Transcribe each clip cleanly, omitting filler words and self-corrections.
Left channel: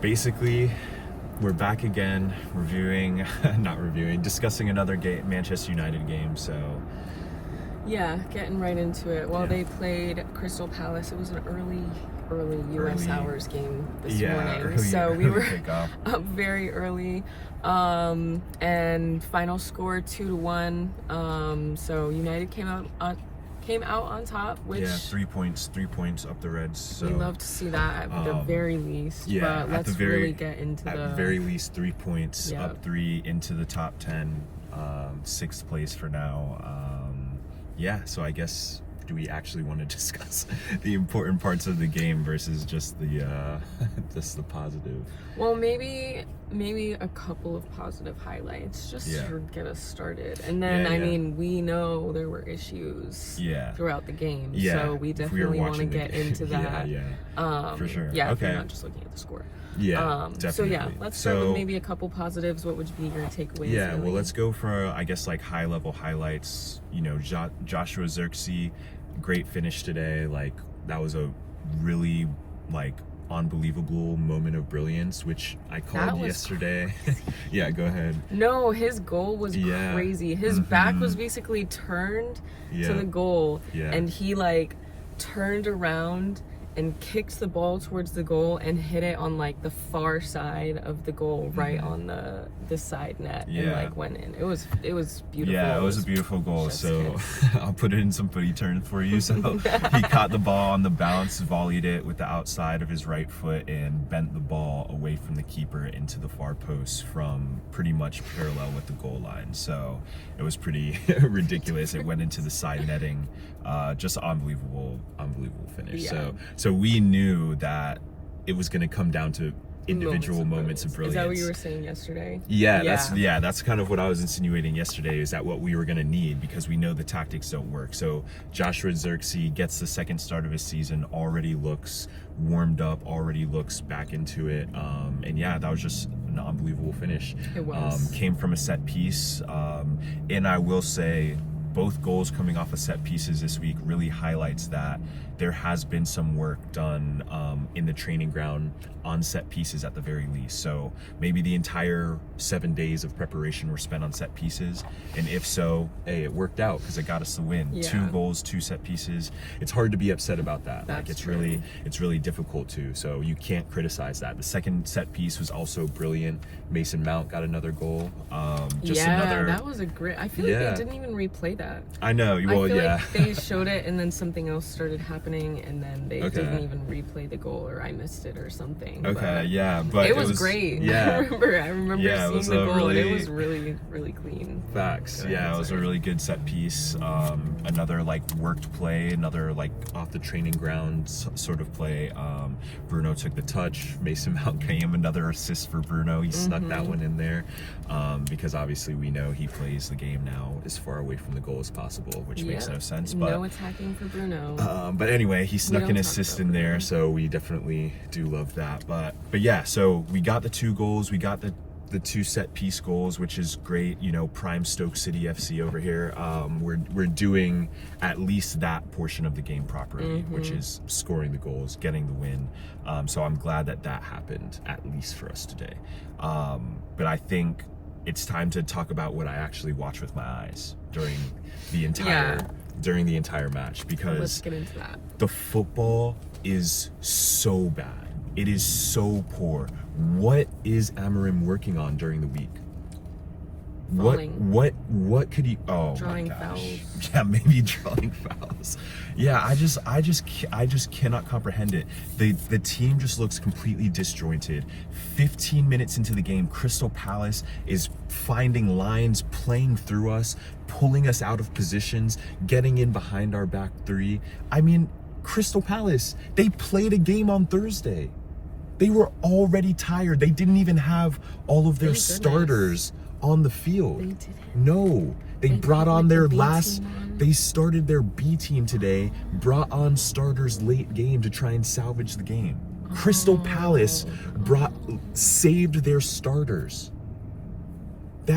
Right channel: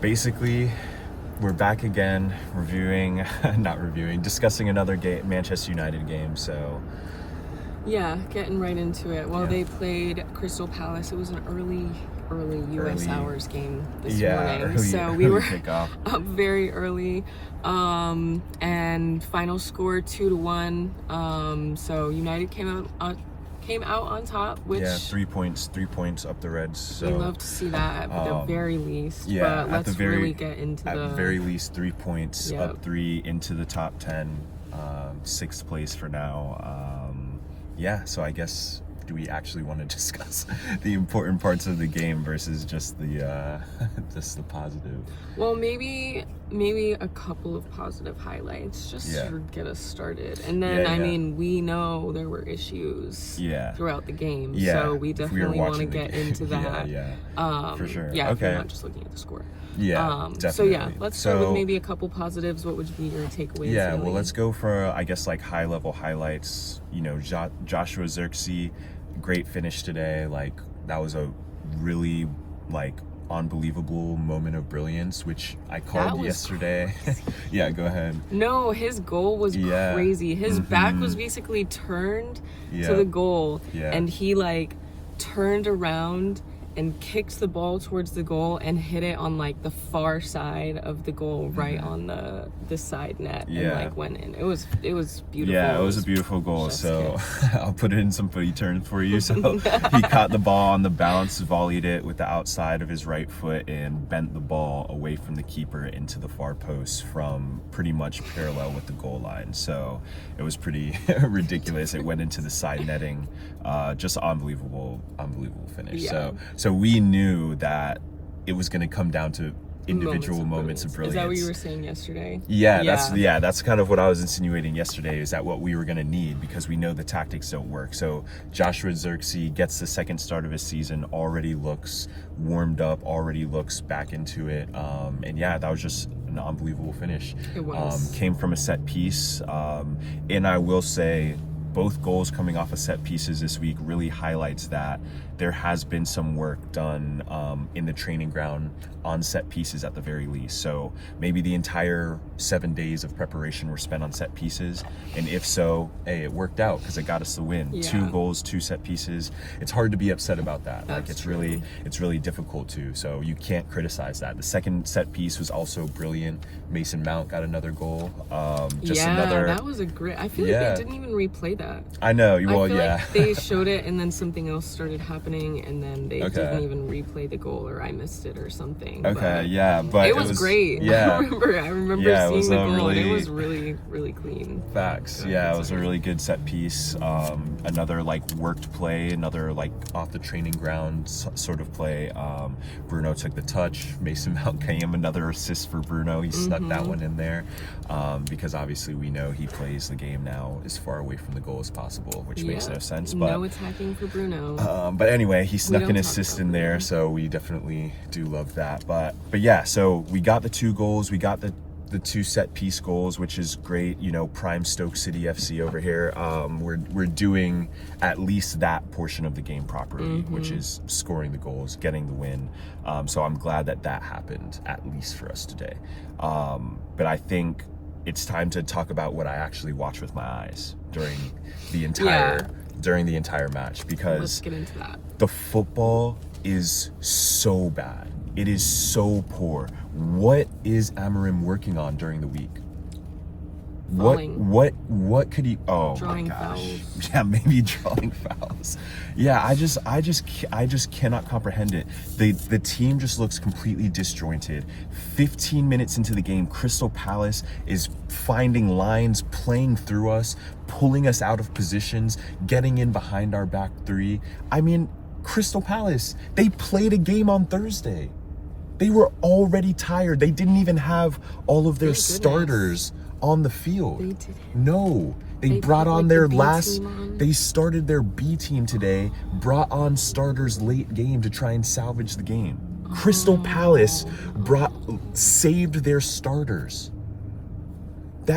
basically, we're back again, discussing another Manchester United game. So, yeah, getting right into it. Well, they played Crystal Palace. It was an early U.S. hours game this morning, so we were up very early. And final score 2-1. So United came out on top, which 3 points up the Reds. So we love to see that at the very least. Yeah, but let's really get into at the very least 3 points up 3 into the top 10, 6th place for now. So I guess, do we actually want to discuss the important parts of the game versus just the positive? Well, maybe a couple of positive highlights just to get us started. And then, I mean, we know there were issues throughout the game, so we definitely want to get into that. For sure. Yeah, if you're not just looking at the score. Definitely. So let's start with maybe a couple positives. What would be your takeaways? Well, let's go for, I guess, like high-level highlights. You know, Joshua Zirkzee, great finish today. Like, that was a really, unbelievable moment of brilliance, which I called yesterday. Yeah, go ahead. No, his goal was crazy. His back was basically turned to the goal, and he turned around and kicked the ball towards the goal and hit it on the far side of the goal, right on the side net, and went in. It was beautiful. Yeah, it was a beautiful goal. So I'll put it in some footy terms for you. So he caught the ball on the bounce, volleyed it with the outside of his right foot, and bent the ball away from the keeper into the far post from pretty much parallel with the goal line. So it was pretty ridiculous. It went into the side netting. Just unbelievable finish. So we knew that it was going to come down to individual moments of brilliance. Is that what you were saying yesterday? That's kind of what I was insinuating yesterday, is that what we were going to need, because we know the tactics don't work. So Joshua Zirkzee gets the second start of his season, already looks warmed up, already looks back into it. And that was just an unbelievable finish. It was. Came from a set piece. And I will say, both goals coming off of set pieces this week really highlights that there has been some work done in the training ground on set pieces at the very least. So maybe the entire 7 days of preparation were spent on set pieces, and if so, hey, it worked out because it got us the win. 2 goals, 2 set pieces. It's hard to be upset about that. It's really difficult to. So you can't criticize that. The second set piece was also brilliant. Mason Mount got another goal. That was a great. I feel like they didn't even replay that. I know. Well, I feel like they showed it and then something else started happening, and then they didn't even replay the goal, or I missed it or something. But it was great. I remember seeing the goal, and it was really, really clean. Facts. It was a really good set piece. Another worked play, another off the training ground sort of play. Bruno took the touch. Mason Mount came, another assist for Bruno. He snuck that one in there, because obviously we know he plays the game now as far away from the goal as possible, which makes no sense. But no attacking for Bruno. But anyway, he snuck an assist in there, so we definitely do love that. But so we got the 2 goals, we got the 2 set piece goals, which is great. Prime Stoke City FC over here. We're doing at least that portion of the game properly, which is scoring the goals, getting the win. So I'm glad that happened, at least for us today. But I think it's time to talk about what I actually watched with my eyes during the entire match, because let's get into that. The football is so bad. It is so poor. What is Amorim working on during the week? Falling. What could he? Oh, drawing my gosh. Fouls. Yeah, maybe drawing fouls. Yeah, I just cannot comprehend it. The team just looks completely disjointed. 15 minutes into the game, Crystal Palace is finding lines, playing through us, pulling us out of positions, getting in behind our back 3. I mean, Crystal Palace, they played a game on Thursday. They were already tired. They didn't even have all of their starters on the field. They didn't. No. They brought on their they started their B team today, brought on starters late game to try and salvage the game. Crystal Palace saved their starters.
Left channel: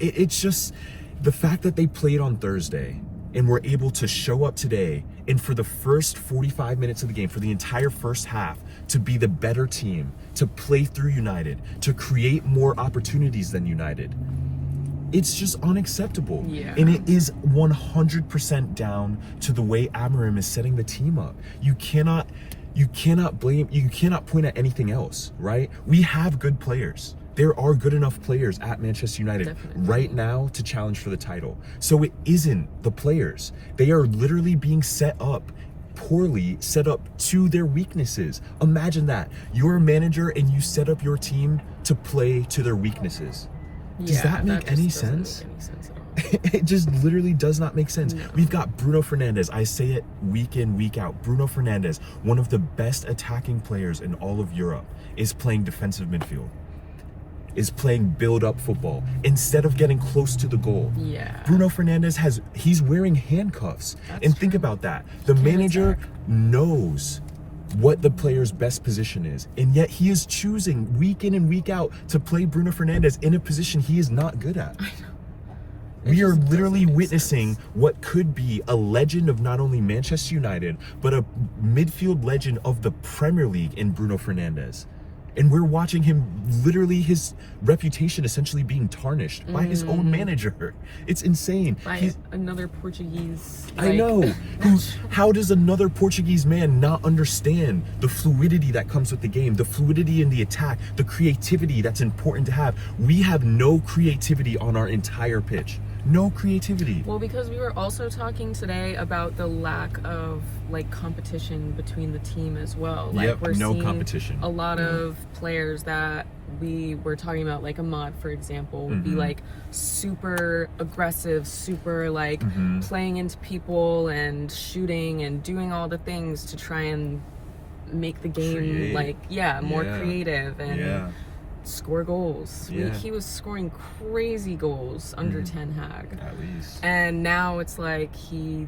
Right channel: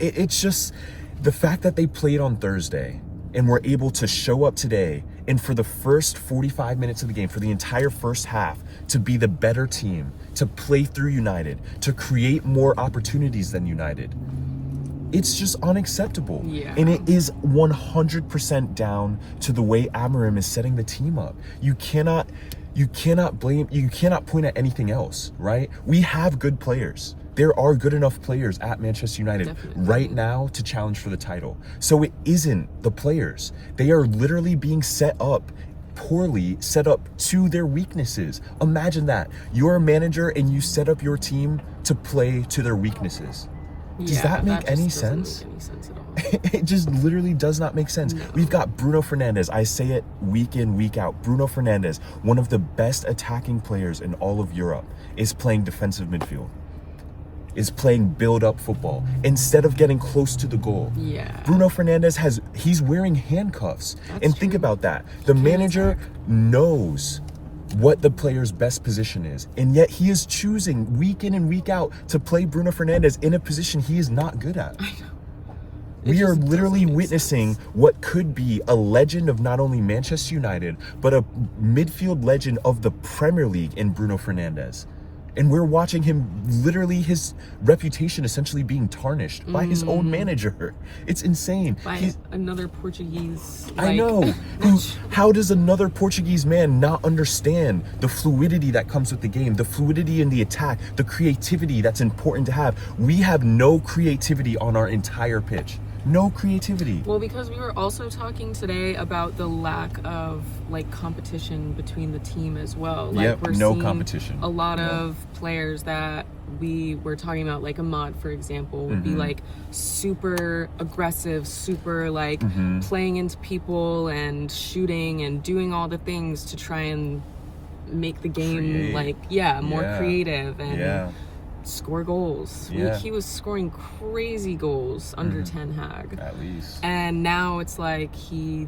It's just the fact that they played on Thursday and were able to show up today, and for the first 45 minutes of the game, for the entire first half, to be the better team, to play through United, to create more opportunities than United. It's just unacceptable. Yeah. And it is 100% down to the way Amorim is setting the team up. You cannot point at anything else, right? We have good players. There are good enough players at Manchester United right now to challenge for the title. So it isn't the players. They are literally being set up poorly, set up to their weaknesses. Imagine that. You're a manager and you set up your team to play to their weaknesses. Does that make any sense? Make any sense at all. It just literally does not make sense. No. We've got Bruno Fernandes. I say it week in, week out. Bruno Fernandes, one of the best attacking players in all of Europe, is playing defensive midfield, is playing build-up football instead of getting close to the goal. Yeah. Bruno Fernandes he's wearing handcuffs. And think about that. The manager knows what the player's best position is, and yet he is choosing week in and week out to play Bruno Fernandes in a position he is not good at. I know. We are literally witnessing what could be a legend of not only Manchester United, but a midfield legend of the Premier League in Bruno Fernandes. And we're watching him, literally his reputation essentially being tarnished by his own manager. It's insane. By another Portuguese. I know. How does another Portuguese man not understand the fluidity that comes with the game, the fluidity in the attack, the creativity that's important to have? We have no creativity on our entire pitch. No creativity. Well, because we were also talking today about the lack of competition between the team as well. We're seeing competition. A lot of players that we were talking about, like Ahmad, for example, would be super aggressive, super playing into people and shooting and doing all the things to try and make the game more creative and score goals. He was scoring crazy goals under Ten Hag. At least. And now it's like he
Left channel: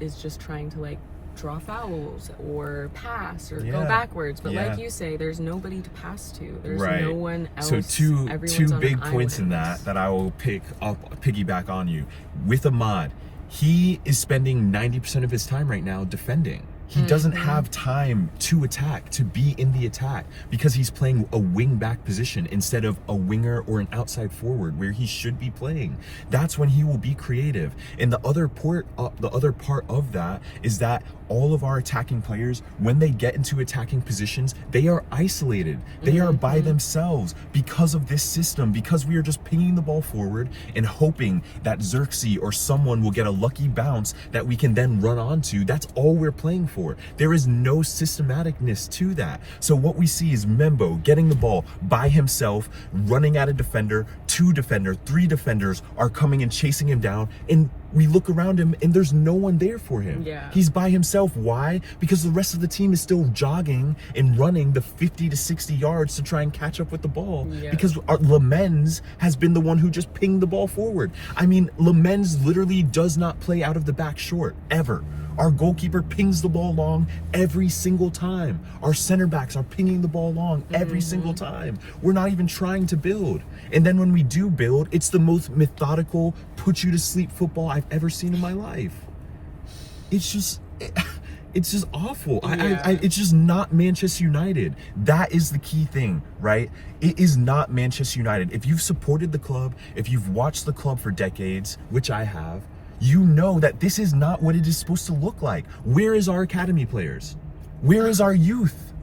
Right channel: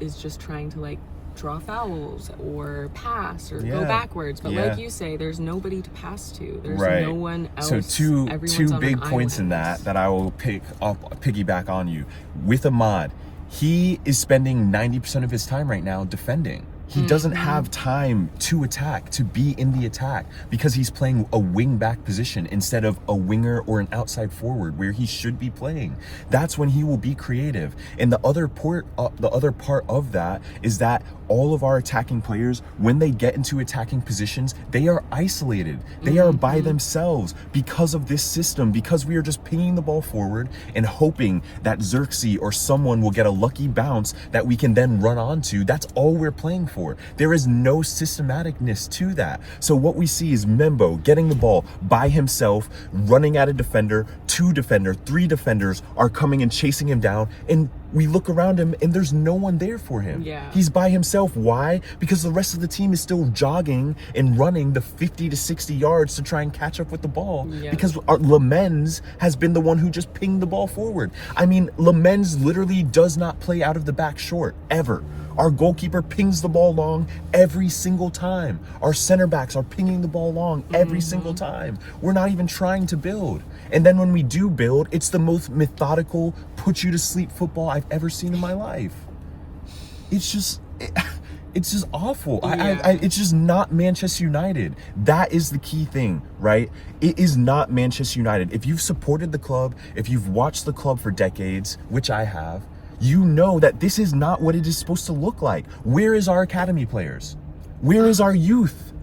is just trying to draw fouls or pass or go backwards. But like you say, there's nobody to pass to. There's no one else. So two big points in that I will piggyback on you. With Ahmad, he is spending 90% of his time right now defending. He doesn't have time to attack, to be in the attack, because he's playing a wing back position instead of a winger or an outside forward where he should be playing. That's when he will be creative. And the other part of that is that all of our attacking players, when they get into attacking positions, they are isolated. They are by themselves because of this system, because we are just pinging the ball forward and hoping that Xerxes or someone will get a lucky bounce that we can then run onto. That's all we're playing for. There is no systematicness to that. So what we see is Membo getting the ball by himself, running at a defender, 2 defenders, 3 defenders are coming and chasing him down, and we look around him and there's no one there for him. Yeah. He's by himself. Why? Because the rest of the team is still jogging and running the 50 to 60 yards to try and catch up with the ball. Yeah. Because Lamens has been the one who just pinged the ball forward. I mean, Lamens literally does not play out of the back short, ever. Our goalkeeper pings the ball long every single time. Our center backs are pinging the ball long every single time. We're not even trying to build. And then when we do build, it's the most methodical, put you to sleep football I've ever seen in my life. It's just awful. It's just not Manchester United. That is the key thing, right? It is not Manchester United. If you've supported the club, if you've watched the club for decades, which I have, you know that this is not what it is supposed to look like. Where is our academy players? Where is our youth?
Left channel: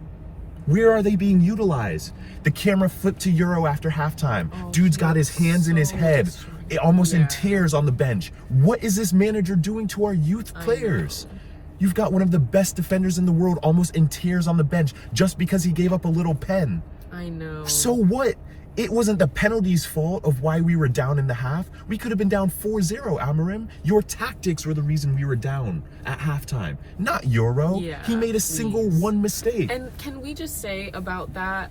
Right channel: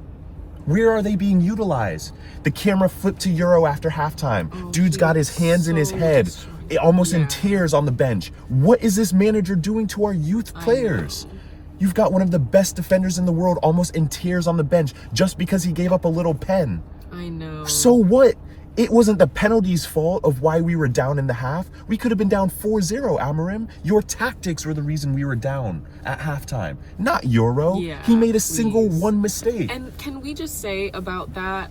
Where are they being utilized? The camera flipped to Euro after halftime. Dude's got his hands in his head, almost in tears on the bench. What is this manager doing to our youth players? You've got one of the best defenders in the world almost in tears on the bench just because he gave up a little pen. I know. So what? It wasn't the penalty's fault of why we were down in the half. We could have been down 4-0, Amorim. Your tactics were the reason we were down at halftime, not Euro. Yeah, he made a single one mistake. And can we just say about that,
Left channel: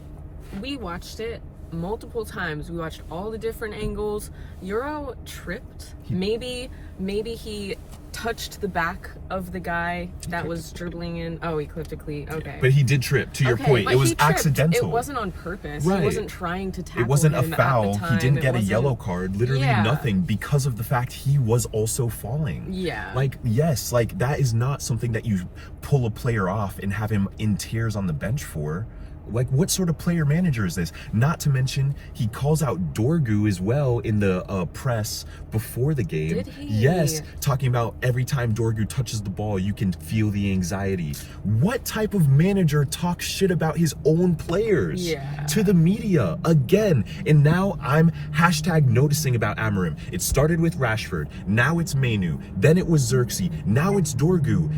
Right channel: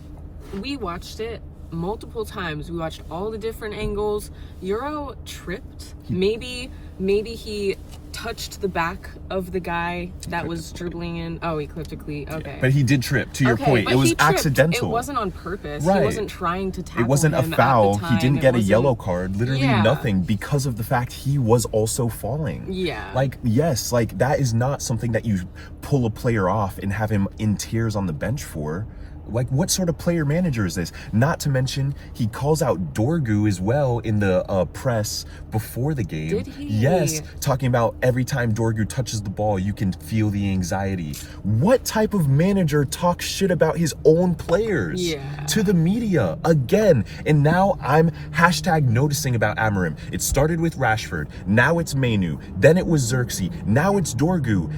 we watched it multiple times. We watched all the different angles. Euro tripped. Maybe he touched the back of the guy that was dribbling in. Oh, he clipped a cleat. Okay. But he did trip, to your point. But It was he tripped. accidental. It wasn't on purpose. Right. He wasn't trying to tackle It wasn't a him foul. at the time. He didn't get a wasn't- yellow card. Literally Yeah. nothing, because of the fact he was also falling. Yeah. Like, yes, like that is not something that you pull a player off and have him in tears on the bench for. Like, what sort of player manager is this? Not to mention, he calls out Dorgu as well in the press before the game. Did he? Yes, talking about every time Dorgu touches the ball, you can feel the anxiety. What type of manager talks shit about his own players to the media? Again, and now I'm hashtag noticing about Amorim. It started with Rashford, now it's Mainu, then it was Xerxes, now it's Dorgu.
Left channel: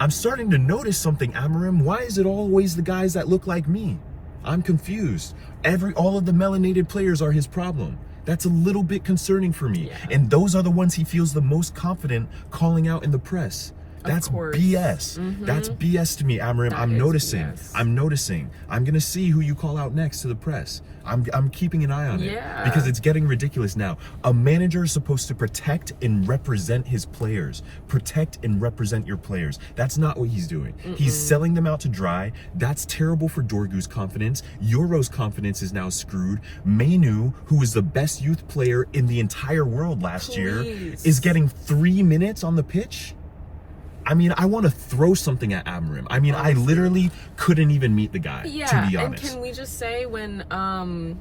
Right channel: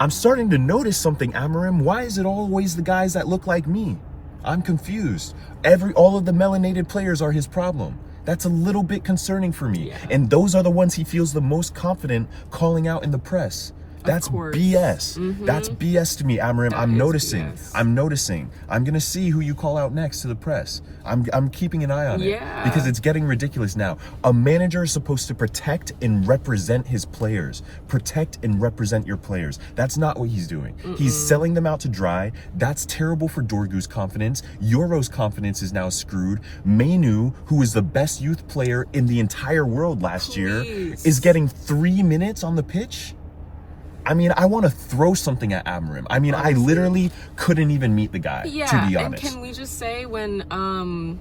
I'm starting to notice something, Amorim. Why is it always the guys that look like me? I'm confused. All of the melanated players are his problem. That's a little bit concerning for me. And those are the ones he feels the most confident calling out in the press. That's BS. That's BS to me, Amorim. I'm noticing. BS. I'm noticing. I'm gonna see who you call out next to the press. I'm keeping an eye on it because it's getting ridiculous now. A manager is supposed to protect and represent his players. Protect and represent your players. That's not what he's doing. He's selling them out to dry. That's terrible for Dorgu's confidence. Euro's confidence is now screwed. Mainu, who was the best youth player in the entire world last year, is getting 3 minutes on the pitch. I mean, I want to throw something at Amorim. I mean, honestly, I literally couldn't even meet the guy, to be honest. And can we just say when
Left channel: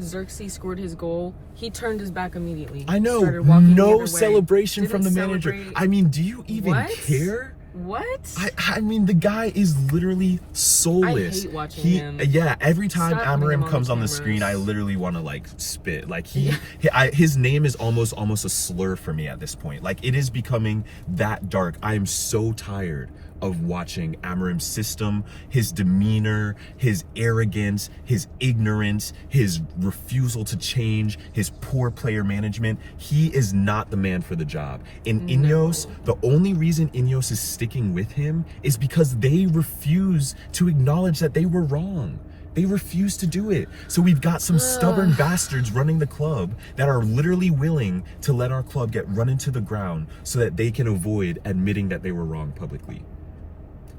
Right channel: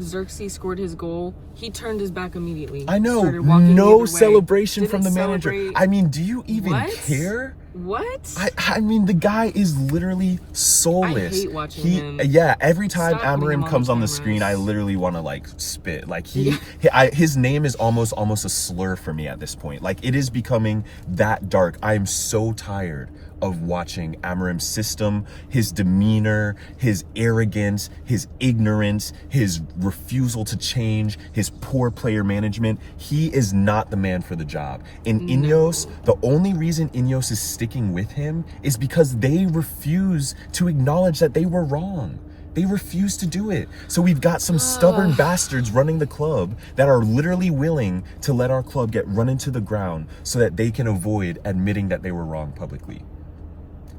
Xerxes scored his goal, he turned his back immediately. I know, no celebration from the manager. I mean, do you even care? What? I mean, the guy is literally soulless. I hate watching him. Yeah, every time Amorim comes on the screen, I literally want to like spit. Like his name is almost a slur for me at this point. Like, it is becoming that dark. I am so tired of watching Amorim's system, his demeanor, his arrogance, his ignorance, his refusal to change, his poor player management. He is not the man for the job. In INEOS, the only reason INEOS is sticking with him is because they refuse to acknowledge that they were wrong. They refuse to do it. So we've got some stubborn bastards running the club that are literally willing to let our club get run into the ground so that they can avoid admitting that they were wrong publicly.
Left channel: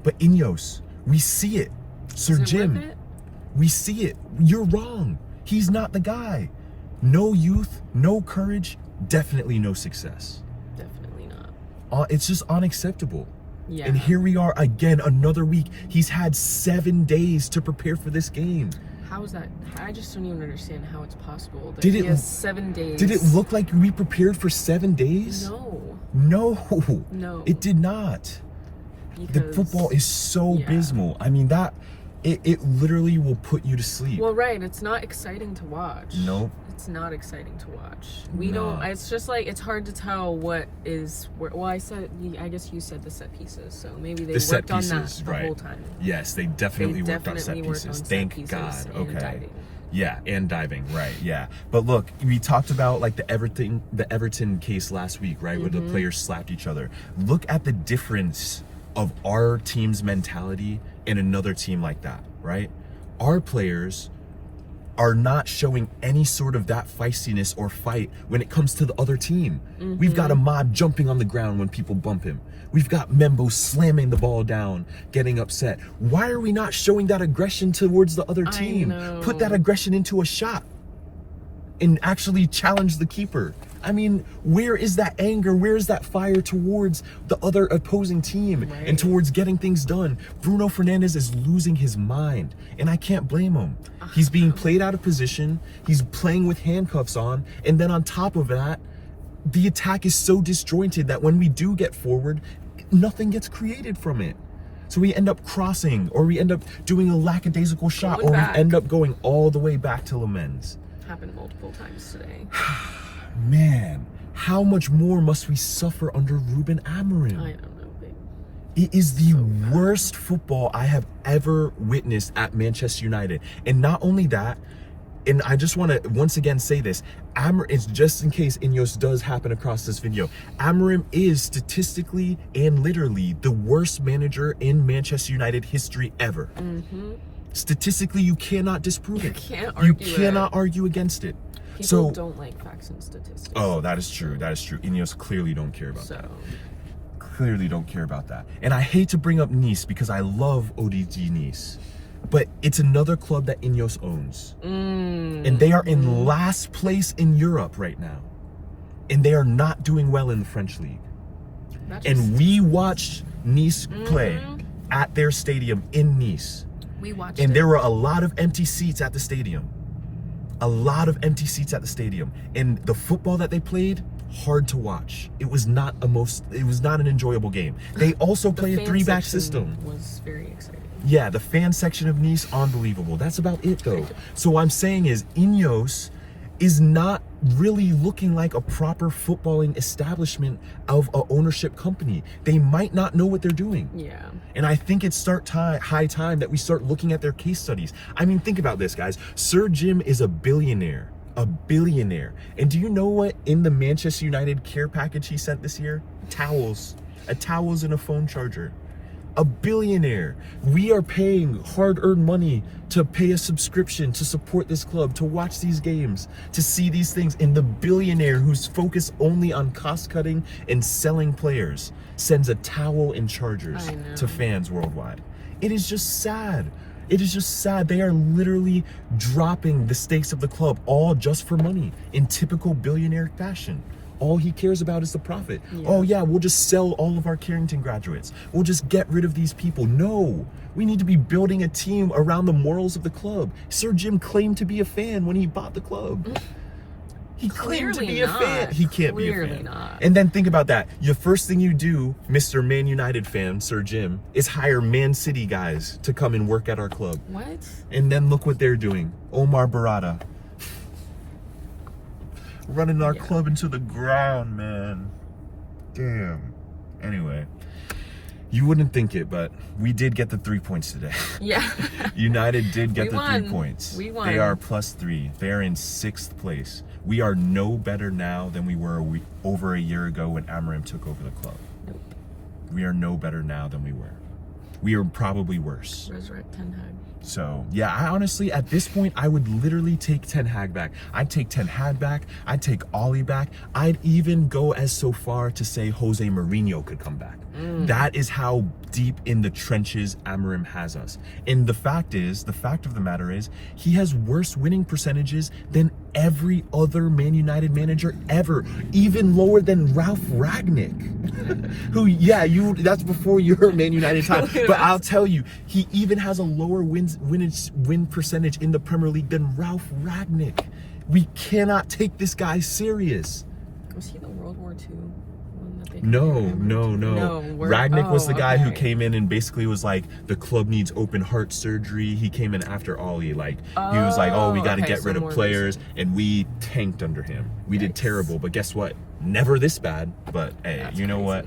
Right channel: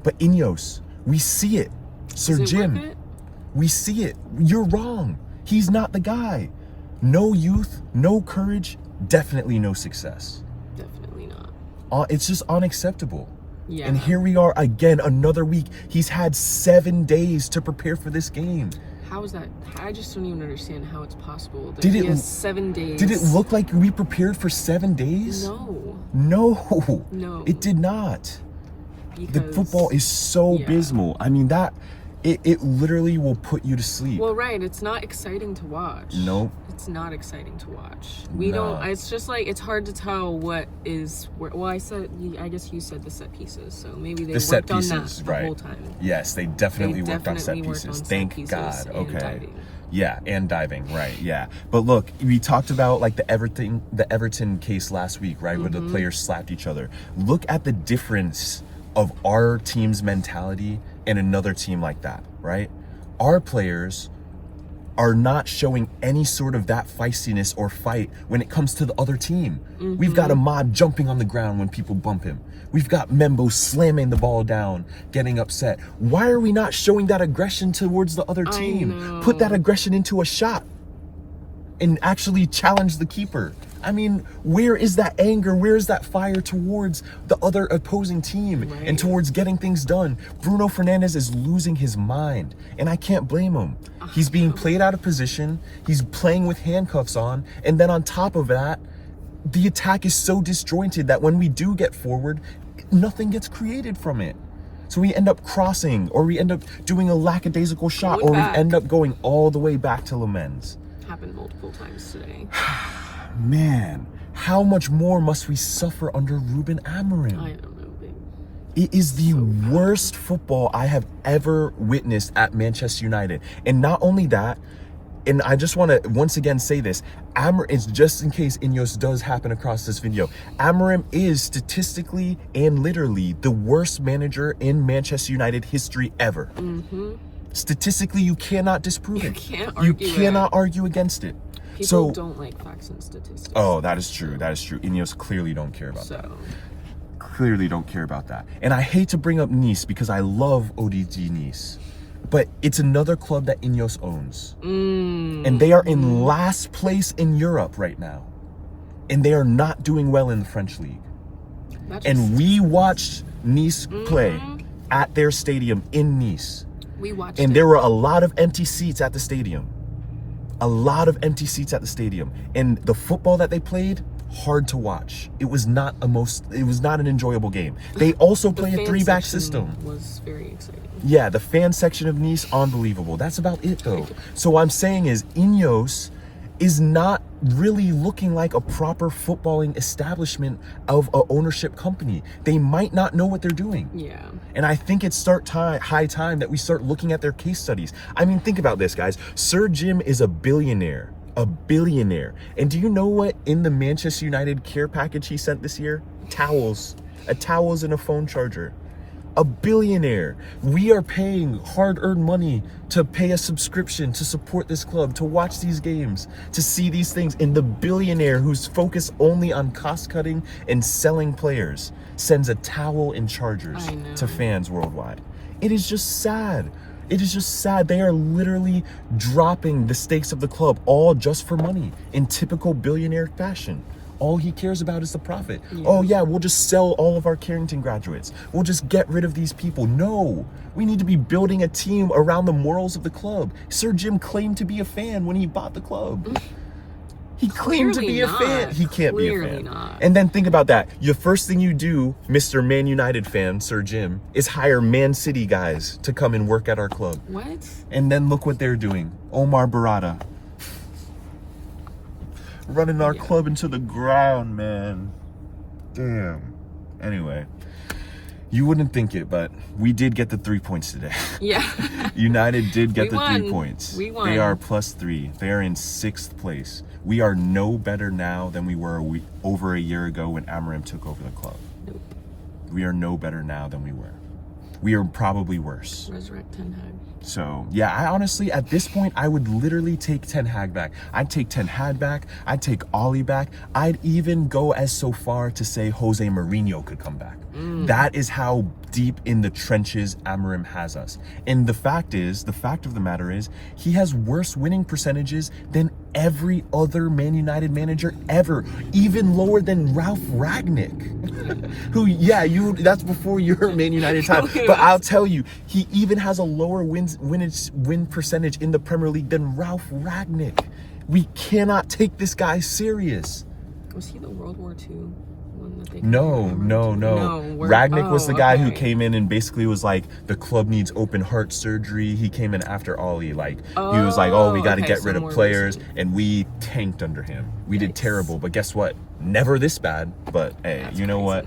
But INEOS, we see it. Sir Jim, we see it. You're wrong. He's not the guy. No youth, no courage, definitely no success. Definitely not. It's just unacceptable. Yeah. And here we are again, another week. He's had 7 days to prepare for this game. How is that? I just don't even understand how it's possible that he has 7 days. Did it look like we prepared for 7 days? No. No, it did not. The football is so abysmal. I mean, it literally will put you to sleep. Well, right. It's not exciting to watch. Nope. It's not exciting to watch. We don't. It's just like, it's hard to tell what is where. Well, I guess you said the set pieces, so maybe they worked on that the whole time. Yes, they definitely worked on set pieces. Thank God. Okay. Diving. Yeah, and diving, right? Yeah, but look, we talked about like the Everton case last week, right, where the players slapped each other. Look at the difference of our team's mentality and another team like that, right? Our players are not showing any sort of that feistiness or fight when it comes to the other team. We've got a mob jumping on the ground when people bump him. We've got Membo slamming the ball down, getting upset. Why are we not showing that aggression towards the other team? Put that aggression into a shot and actually challenge the keeper. I mean, where is that anger? Where is that fire towards the other opposing team and towards getting things done? Bruno Fernandes is losing his mind, and I can't blame him. He's being played out of position. He's playing with handcuffs on, and then on top of that, the attack is so disjointed that when we do get forward, nothing gets created from it. So we end up crossing, or we end up doing a lackadaisical shot, or we end up going all the way back to Lamens. Happened multiple times today. Man, how much more must we suffer under Ruben Amorim? I don't know, babe. It is the worst football I have ever witnessed at Manchester United. And not only that, and I just want to once again say this, it's just in case INEOS does happen across this video, Amorim is statistically and literally the worst manager in Manchester United history ever. Statistically, you cannot disprove it. You cannot argue against it. People don't like facts and statistics. Oh, that is true. That is true. INEOS clearly don't care about that. Clearly don't care about that. And I hate to bring up Nice because I love ODG Nice. But it's another club that INEOS owns. And they are in last place in Europe right now. And they are not doing well in the French league. And we watched Nice play at their stadium in Nice. We watched and there were a lot of empty seats at the stadium. A lot of empty seats at the stadium. And the football that they played, hard to watch. It was not an enjoyable game. They also play a 3-back system. Was very exciting. Yeah, the fan section of Nice, unbelievable. That's about it though. So what I'm saying is INEOS is not really looking like a proper footballing establishment of a ownership company. They might not know what they're doing. Yeah. And I think it's high time that we start looking at their case studies. I mean, think about this, guys. Sir Jim is a billionaire. A billionaire. And do you know what in the Manchester United care package he sent this year? Towels. Towels and a phone charger. A billionaire. We are paying hard-earned money to pay a subscription to support this club, to watch these games, to see these things. And the billionaire who's focused only on cost-cutting and selling players sends a towel and chargers to fans worldwide. It is just sad. It is just sad. They are literally dropping the stakes of the club all just for money in typical billionaire fashion. All he cares about is the profit. Oh yeah, we'll just sell all of our Carrington graduates. We'll just get rid of these people. No, we need to be building a team around the morals of the club. Sir Jim claimed to be a fan when he bought the club. He claimed to be a fan. He can't be a fan. Not. And then think about that. The first thing you do, Mr. Man United fan, Sir Jim, is hire Man City guys to come and work at our club. What? And then look what they're doing. Omar Barada. Running our club into the ground, man. Damn. Anyway, you wouldn't think it, but we did get the 3 points today. Yeah. United did get the 3 points. We won. They are +3. They are in 6th place. We are no better now than we were over a year ago when Amorim took over the club. Nope. We are no better now than we were. We are probably worse. Resurrect Ten Hag. So, yeah, I honestly, at this point, I would literally take Ten Hag back. I'd take Ten Hag back. I'd take Ollie back. I'd even go as so far to say Jose Mourinho could come back. That is how deep in the trenches Amorim has us. And the fact of the matter is, he has worse winning percentages than every other Man United manager ever. Even lower than Ralph Ragnick. Who, that's before your Man United time. But I'll tell you, he even has a lower win percentage in the Premier League than Ralph Ragnick. We cannot take this guy serious. Was he the World War II one that they No. Ragnick was the guy who came in and basically was like, the club needs open heart surgery. He came in after Ollie. Like, he was like, we got to get rid of players. And we tanked under him. We did terrible. But guess what? Never this bad. But hey, you know what?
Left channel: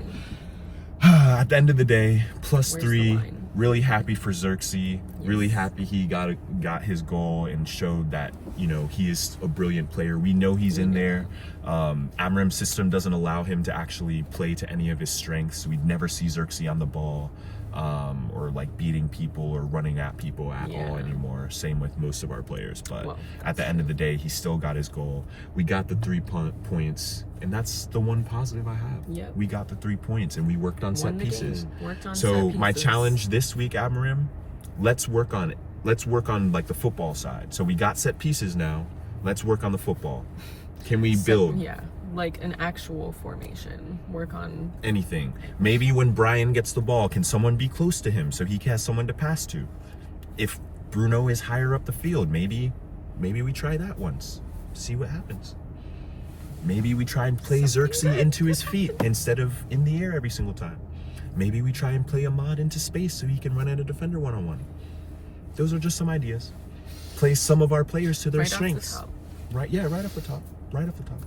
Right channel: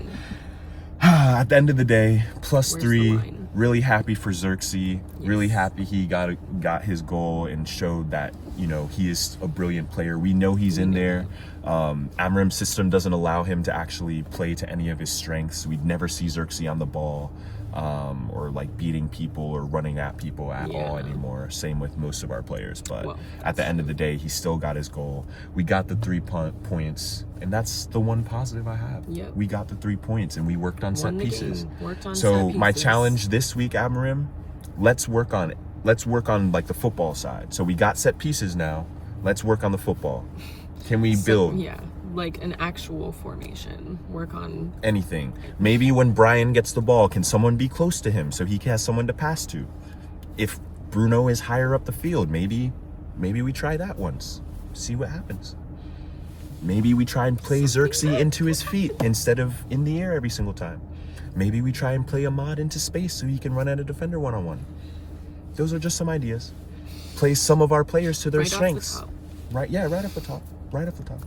At the end of the day, +3. Really happy for Xerxes. Really happy he got his goal and showed that, you know, he is a brilliant player. We know he's in there. Amorim's system doesn't allow him to actually play to any of his strengths. We'd never see Xerxes on the ball or like beating people or running at people at all anymore. Same with most of our players. But at the end of the day, he still got his goal. We got the 3 points. And that's the one positive I have. Yep. We got the 3 points and we worked on set pieces. So my challenge this week, Amorim, let's work on it. Let's work on like the football side. So we got set pieces now. Let's work on the football. Can we build? Yeah, like an actual formation. Work on anything. Maybe when Brian gets the ball, can someone be close to him so he has someone to pass to? If Bruno is higher up the field, maybe we try that once. See what happens. Maybe we try and play Xerxes into his feet instead of in the air every single time. Maybe we try and play Ahmad into space so he can run at a defender one-on-one. Those are just some ideas. Play some of our players to their strengths. Right off the top.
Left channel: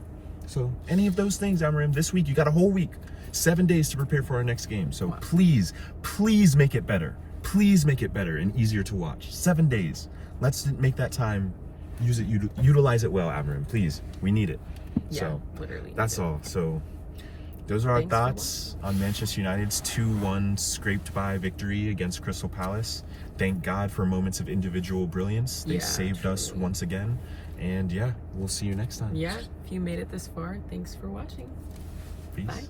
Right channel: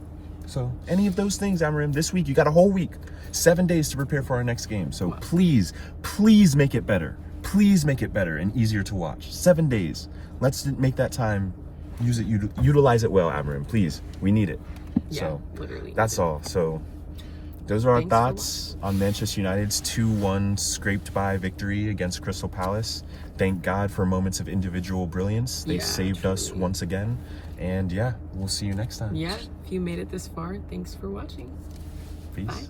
So any of those things, Amorim, this week, you got a whole week, 7 days to prepare for our next game. So please make it better. Please make it better and easier to watch. 7 days. Let's make that time, utilize it well, Amorim. Please, we need it. Yeah, so literally. That's all. So those are our thoughts on Manchester United's 2-1 scraped by victory against Crystal Palace. Thank God for moments of individual brilliance. They saved us once again. And yeah, we'll see you next time. Yeah, if you made it this far, thanks for watching. Peace. Bye.